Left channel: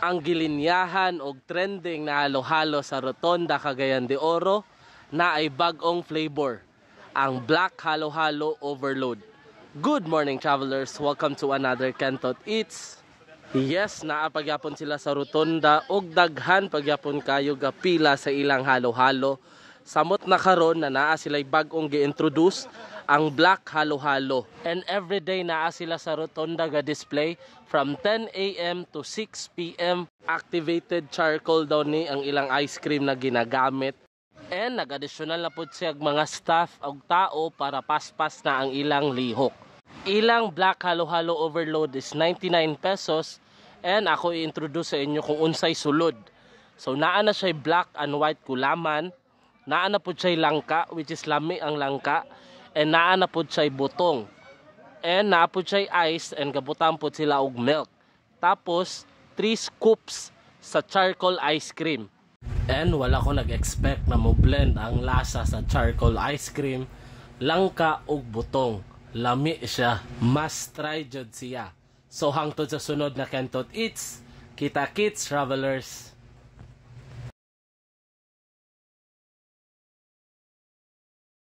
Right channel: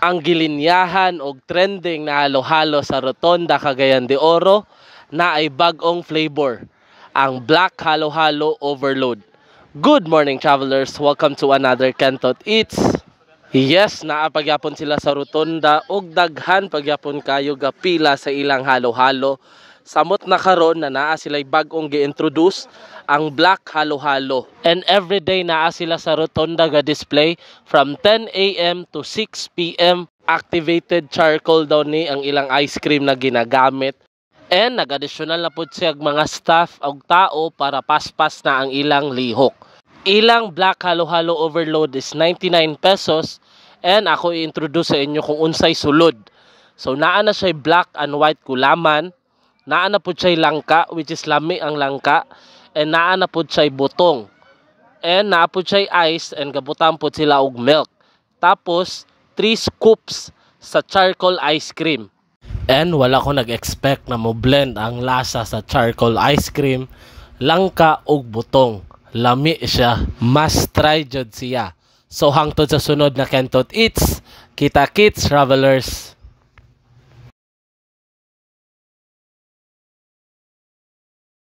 Ang gilinyahan og trending na halo-halo sa Rotonda, Cagayan de Oro na ay bag-ong flavor, ang Black Halo-Halo Overload. Good morning, travelers! Welcome to another Kentot Eats. Yes, naapagyapon sila sa Rotonda og daghan pagyapon kayo gapila sa ilang halo-halo. Samot na karon na naa sila'y bag-ong gi-introduce ang Black Halo-Halo. And everyday naa sila sa Rotonda ga display from 10 a.m. to 6 p.m. Activated charcoal daw ni ang ilang ice cream na ginagamit. And nag-additional na po siya mga staff o tao para paspas na ang ilang lihok. Ilang Black Halo-Halo Overload is 99 pesos. And ako i-introduce sa inyo kung unsay sulod. So naa na siya black and white kulaman. Naa na po siya langka, which is lami ang langka. And naa na po siya butong. And naa po siya ice and gabutan po sila og milk. Tapos 3 scoops sa charcoal ice cream. And wala ko nag-expect na mo blend ang lasa sa charcoal ice cream, langka og butong. Lami siya. Must try jud siya. So hangtod sa sunod na Kentot Eats, kita kits travelers.